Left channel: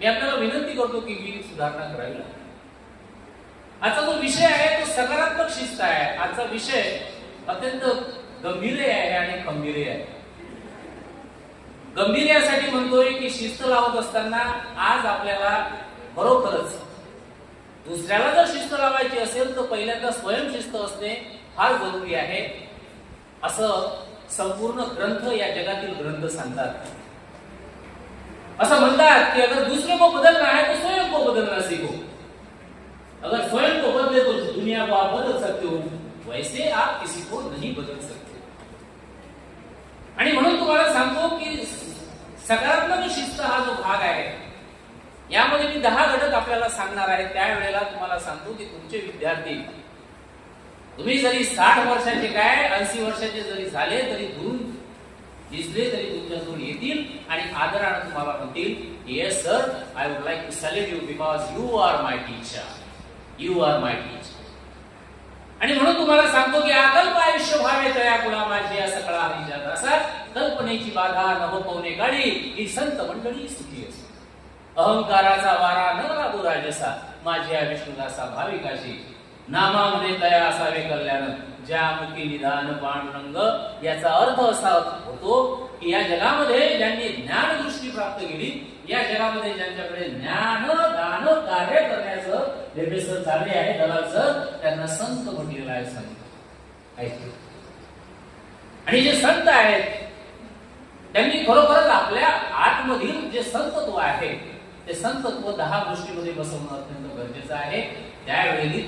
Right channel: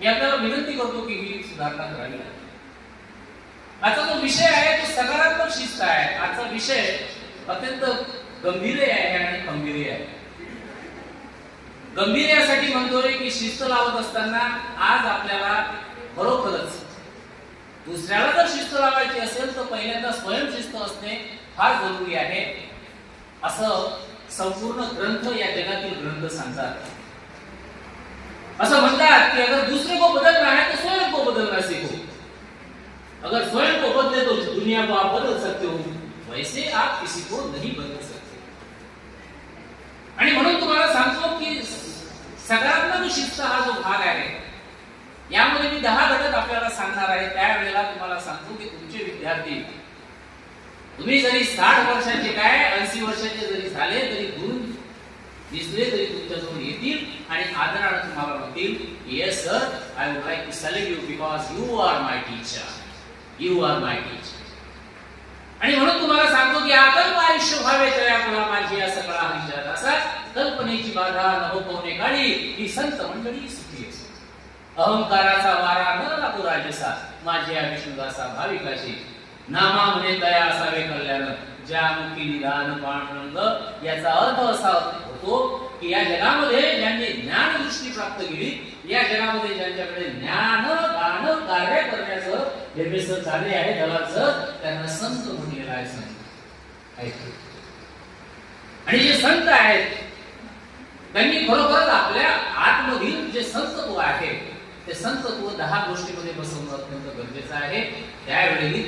मी आपल्याला विनंती करतो की ही सुधारणा करावी. आजचा जो विषय आहे तो सकारात्मक शिस्त आहे. आजचा विषय अत्यंत गंभीर आहे आणि खंबीर आहे. गंभीर यासाठी म्हणतोय की शिस्त लावत असताना आज आपल्याला खरोखरच दुसऱ्याला जर शिस्त लावायची असेल तर पहिल्यांदा स्वयंशिस्त असणे फार जरुरी आहे, असं संपूर्ण ग्रंथ या जगातील ग्रंथ सांगतात. असं म्हणतात कि अगर दूसरे को बदलना है तो स्वयं को बदलना सीखो. अगर स्वयं को बदले तो दुनिया को आप बदल सकते हो, वैसे आप किसी को नहीं बदल सकते. आणि म्हणून तुम्हाला सांगतो की सकारात्मक शिस्त हा जो भाग आहे यामध्ये मी 10 घटक आपल्याला सांगणार आहे. त्यावेळेला तुम्हाला सांगतो की तुमचे विद्यार्थी तुम्ही जरी 60 वर्षाचे काय 80 वर्षाचे जरी झाले तरी दूर दिसले तरी तुमच्याजवळ येतील आणि आदराने तुम्हाला म्हणतील, yes sir, I would like to salute you because you are my teacher, you are my teacher. आणि म्हणून तुम्हाला सांगतो की अकल्प आयुष्य व्हावे तया गुलामाची या सकळा हरिच्या दासा, कल्पनेची बाधा न हो पवने गाडी, ही संत मंडळी सुखी असो. अहंकाराचा वारा न लागो राजसा, माझ्या विष्णुदासा भाविकाशी, नामा म्हणे तया असावे कल्याण, ज्यामुखी निदान पांडुरंग. याचा अर्थ असा होतो की या जगामध्ये ज्यांनी ज्ञान दृष्टी प्राप्त केली, या जगामध्ये ज्यांच्याकडे ज्ञान दान कार्य करण्याचं निर्देशन झाले आहे दलाचं, त्यांना संत म्हटलेलं आहे. संत आणि जे संत आहेत त्यांनी खरोखरच आपल्या आत्मधील जे संतत्व आहे ते संतत्व 10 गोष्टींमध्ये बसवणं अत्यंत गरजेचं आहे. त्यावेळी